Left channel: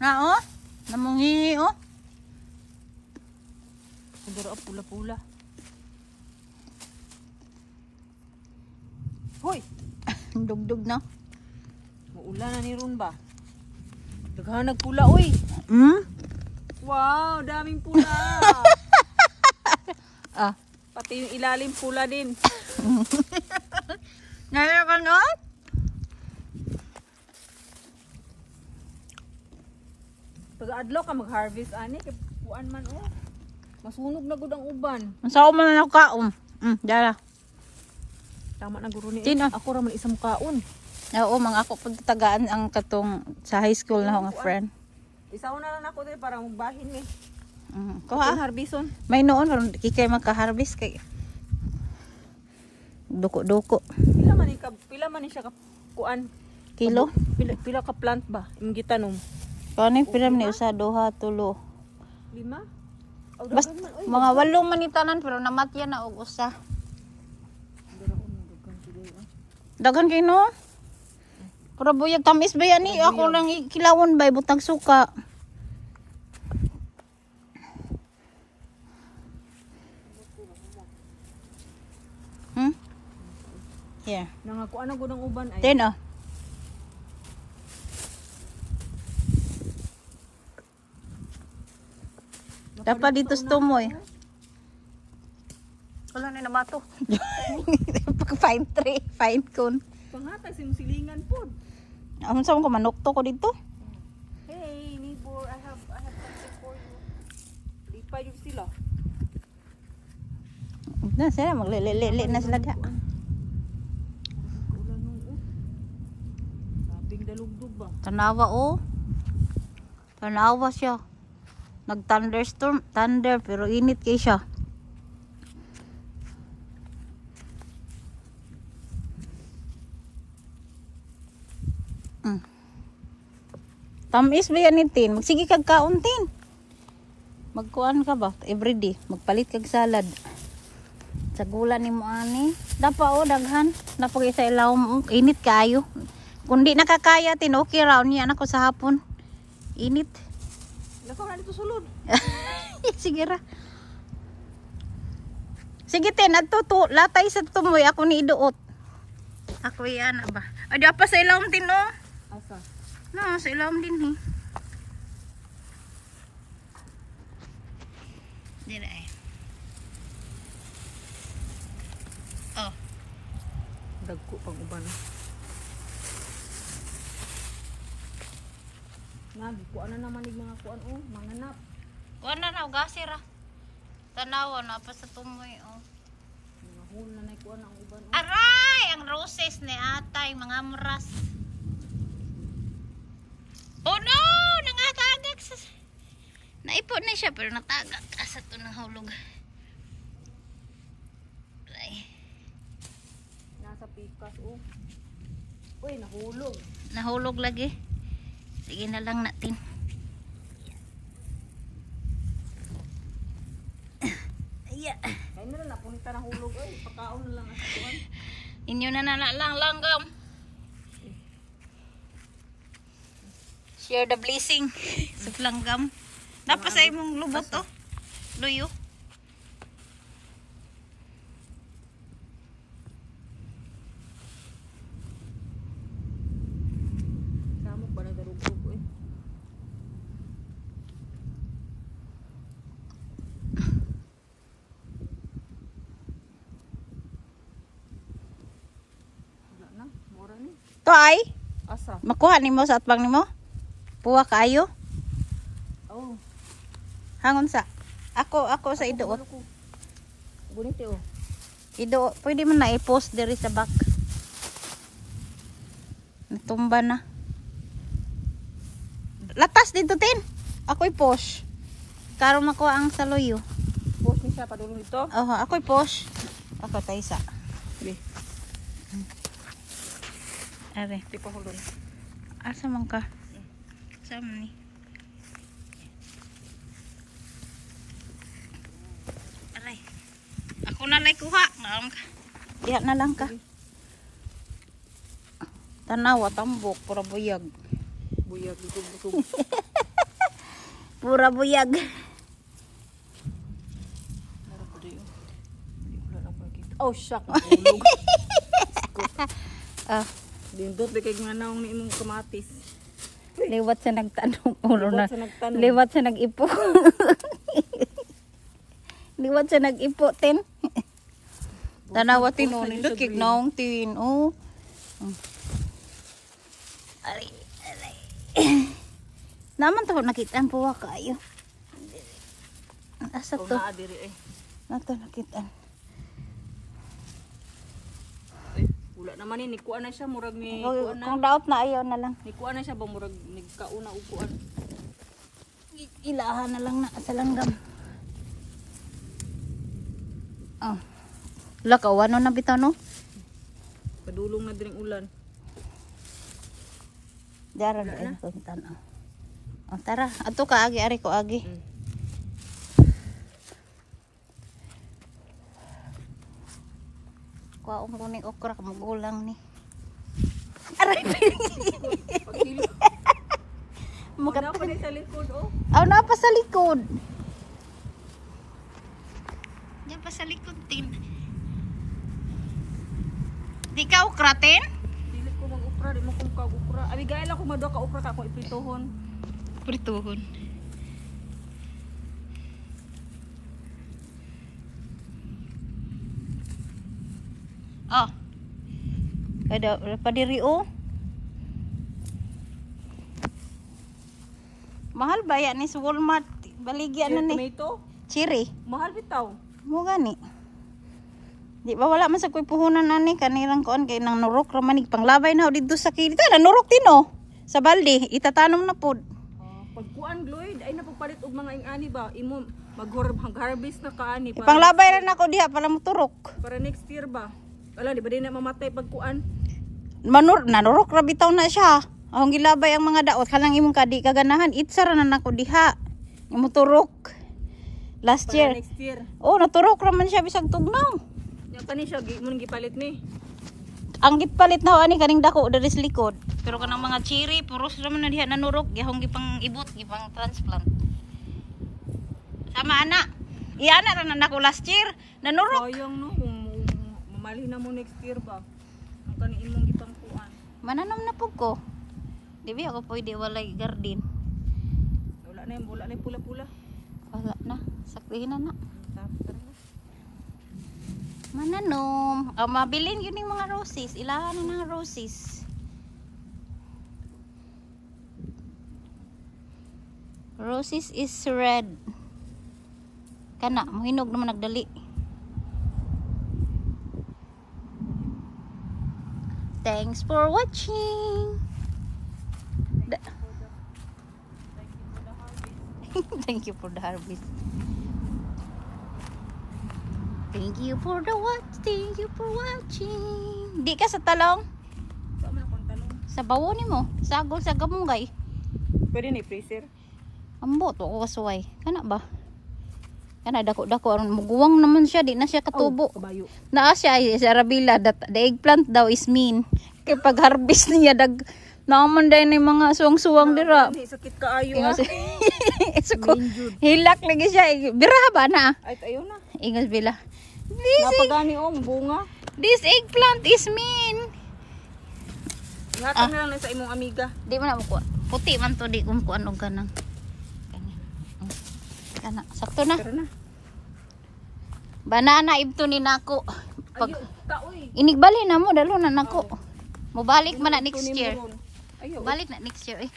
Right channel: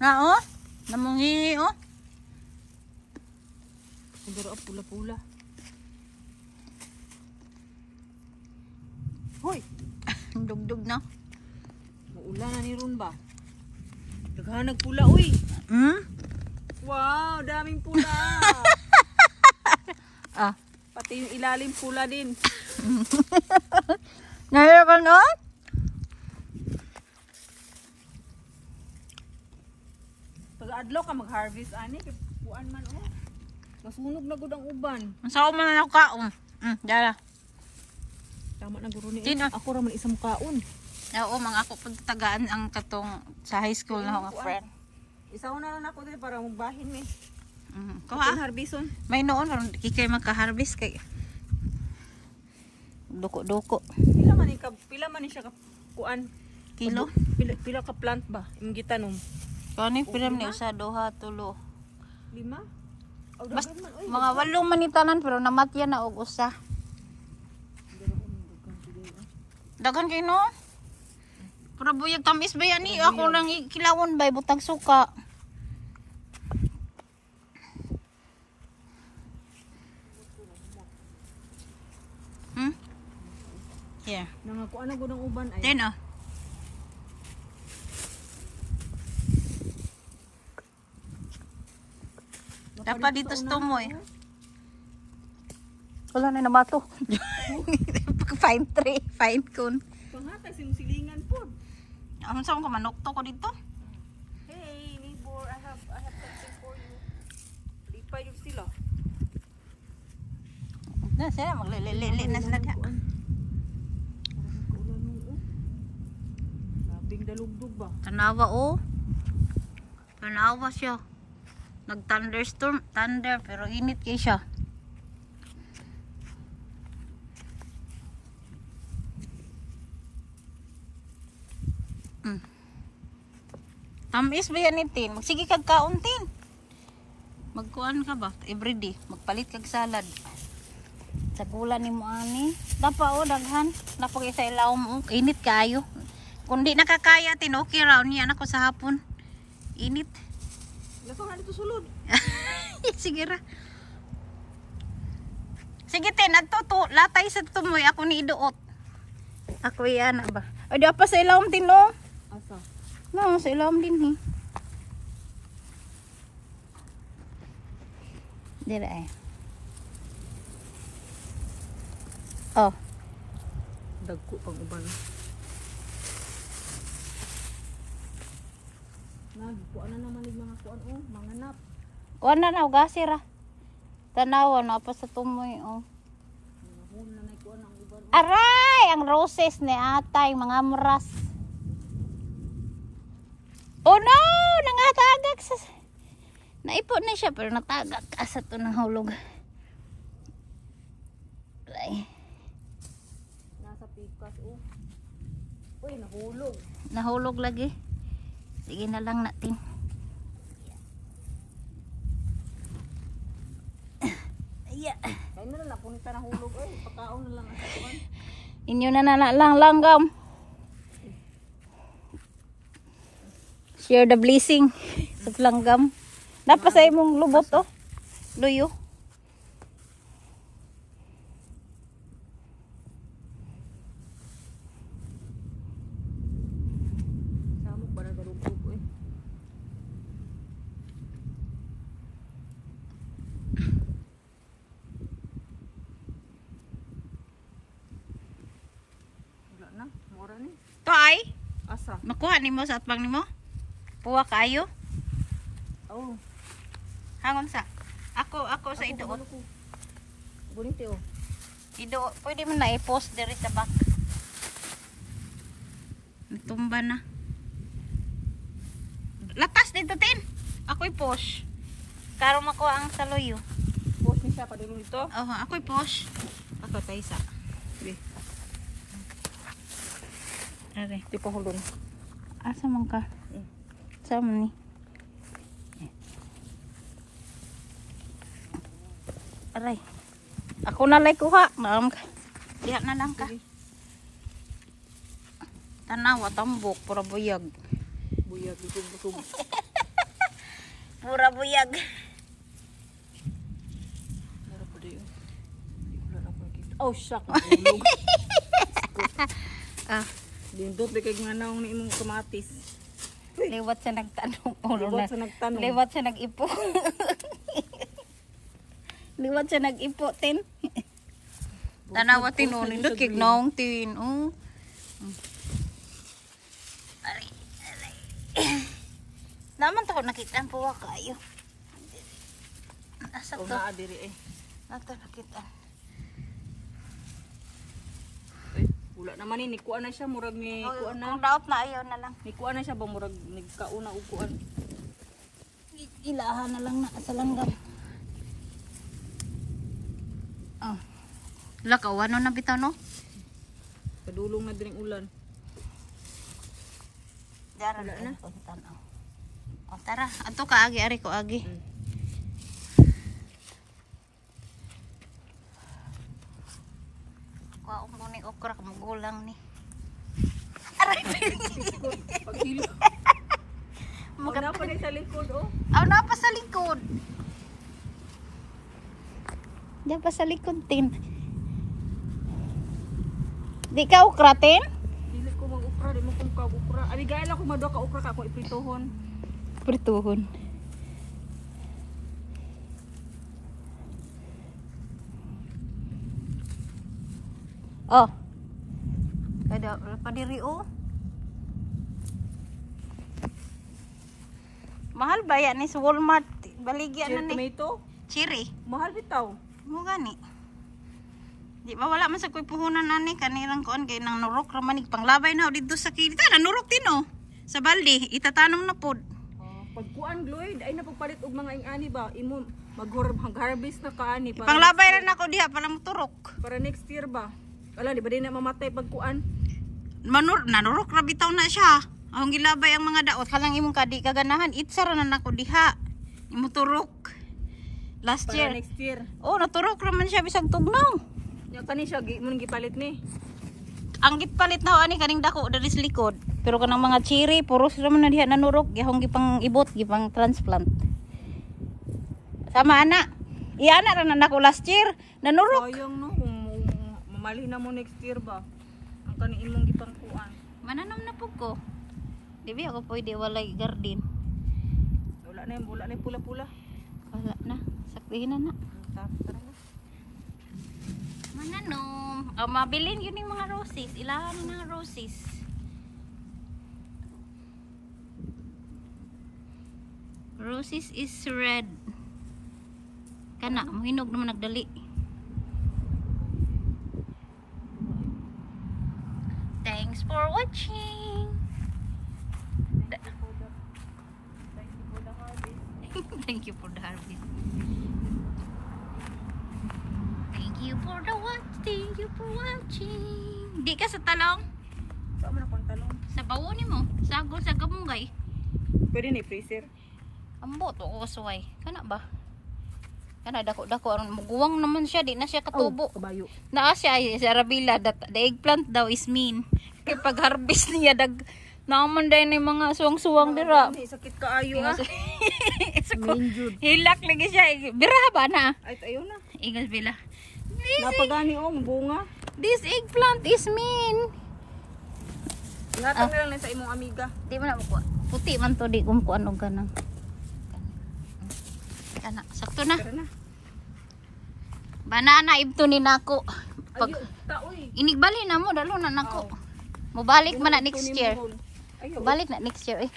Na oh. Namungi oh. Pero pula-pula. Hoy, Dugdug na. muulan na ni ron ba? Daghan nagpula oy. Wow, daming pula. Ah. Pati yung ilalim pula din. Nahira ka no? Pag-adlaw ka mag-harvest ani kay puan man oh. Masunog na gud ang uban. Sa man na kaon. Dala. Tama na guro ni. Sino? Ako ra man isang kaon. Oo, mga ako pagtagaan ang katong sa high school na akong friend. Isaw na lang ako din parang bahin ni. Kuha. Harbison. May noon kikay magka-harvest kay duko-duko. Pila man ni siya ka kuan? Kilo? Pila ka plant ba? Yung gitanom. Kani piram ni usa duha tulo. 5? Basta mga 8 manitanan pero namatya na og usa. Daghan kay no. Para buyag kamis ba yan eh. Ako lang kilawon ba butang suka. Yeah. Nangakuan na gud ang uban ay. Then oh. Dapat dito sa tumo eh. Wala na namato. Fine tree, fine cone. Panghatay silingan po. Ang saan ko manukto ko dito? Hey neighbor, I have something for you. Lipay yung sila. Na sila maglilili na sila diha. Kaulan nung labing dalugdog ba? Tanawa oh. Tanawa siya. Nag-thunderstorm, thunder pero init kay siya. Tamis ba yan itin? Sige kag kauntin. Magkuan ka ba? Everyday. Magpalit kag salad. Sa gula ni mo ani. Dapa o daghan. Napagay sa ilaw mo. Init kayo. Kung di nakakaya tin, okay raw niya anak ko sa hapon. Init. Lakaw na dito sulod. Sige ra. Sige tin, adto latay sa tumoy ako ni iduot. Ako yan ba? Ay di pa sa ilawom tin no. Asa? No, sa ilawom din eh. Dira eh. Oh. Dagko pang uban. Kuan na naman ig mga kuan oh, manganap. Kuan na na ugasir ah. Tanawa na pa sa tumoy oh. Nahul na nay kuan ang uban. Aray, ang roses ni atay mga amras. Oh no, nangatagak sa naipon na siya pero natagak asa to ng hulog. Ay. Nasa pikas oh. Uy, nahulog. Nahulog lagi. Sige na lang natin. Iya. Kaya na lang punita nahulog oy, pagkaon na lang sa kuan. Inyo na lang langgam. Share the blessing sa langgam. Napasay mong lubot oh. Luyo. Samok ba na darugtog oy. Wala na, mura ni. To ay, Asa? makuha nimo sa atbang nimo. Puwa kaayo. Oh. Hangon sa. Ako sa ido. Bonito oh. Ido, pwede mo na i-post diri sa back. Natumba na. Latas dito tin. Ako'y post. Karon makuha ang saluyo. Post ni siya padulong ito. Ako'y post. Ako tayo sa. Sige. Are, Di pa hulon. asa man ka? Saan man ni? Aray. Ako na lay kuha. Naam ka. Diha na lang ka. Sige. Tanawa, tambok, para buyag. Buyag, busog-busog. Pura buyag. Meron pa din. Wala na pa kita. Oh, shock. Ulog. Ah, Dindot di kay nga naong ni imong kamatis. liwat sa nagtanong. Puro na. Liwat sa nagtanong. Liwat sa nag-ipo. Liwat sa nag-ipo, tin. Tanawa tinunin. Look, ignaong tin. Oh. Aray. Naman to, nakitaan po kayo. Asa Oh, to? naa diri eh. Nato nakitaan. Ay, wala naman ni kuan na siya murag ni kuan na. Kung daot na ayaw na lang. Ni kuan na siya ba murag nagkauna og kuan. Ilahan na lang na sa langgam. Oh. Lakaw, ano na bitaw no? Padulong na diring ulan. Daran Wala na. na. Oh, tara, ato ka agi, ari ko agi. Kuha ko kuning okra, magulang ni. Pagkilo. Wala pa rin sa likod oh. Aw, na pa sa likod. Diyan pa sa likod, tin. Di ka okra, tin? Dili ko mag-ukra, di mo kong kag-ukra. Ari gaya lang ko madua ka ukra ka akong ipritohon. Prituhon. Oh. Ada pa diri oh. Mahal ba yan ni sa Walmart? Baligyan na ni. Tomato, Cherry. mahal bitaw. Mo gani. Di ba wala man sa kuy puhunan ani kanirang kuan kay nang nurok ra man panglabay na dito sa kita na nurok tino. Sa balde itatanom na pod. Pagkuan Gloyd ay napagpalit og mga ingani ba imo mag-harvest na kaani para Panglabay ra nako diha para mo turok. para next year ba. Ala di ba di na mamatay pagkuan? Nanurok ra bitaw na siya. Ahong gilabay ang mga daot kanang imong kadi kaganahan itsa ra na nako diha. Imo turok. Last Para year. next year. Oh, naturok ra man siya bisag tugnaw. Nya kani siya mun gipalit ni. Ang gitpalit na ani kaning dako diri sa likod. Pero kanang mga cherry puros ra man na diha nanurok gihong gipang ibot gipang transplant. Sama ana. Iana ra na nako last year. Nanurok. Sayang no kung mamali na mo next year ba. Ang kani imong gipangkuan. Mananam na pug ko. Di ba ako pwede walay garden. Wala na yung pula-pula. Wala na. Saklihin na na. Tara na. Mananom. Oh, mabilin yun yung mga roses. Ilahan na ng roses. Roses is red. Kana, muhinog naman nagdali. Thanks for watching. Thank you for the harvest. Thank you for the watch. Thank you for watching. Di ka sa talong? Saan mo na kong talong? Sa bawo ni mo. Sagol sa gamunggay. Pwede ni freezer. Ambot ako kasuway. Kana ba? Kana dako-dako aron muguwang naman siya, di na siya katubo. Kabayo. Naa siya ay sa Arabila that the eggplant daw is mean. Kay pag harvest niya dag naman dai ni mga suwang-suwang dira. Hindi sakit kaayo ah. Suko. Hilak lagi siya. Bira ba na? Ay tayo na. Ingas bila. Napagani oh, bunga. This eggplant is mean. Natang na lang sa imong amiga. Di man ako. Puti man to di kung og kanang. Kana sakto na. Tara na. Banana ibto ni nako. Pag Ayo, kaoy. inigbali na mo dalo na nako. Mobalik man na next year. Ayo. Balik na next year eh.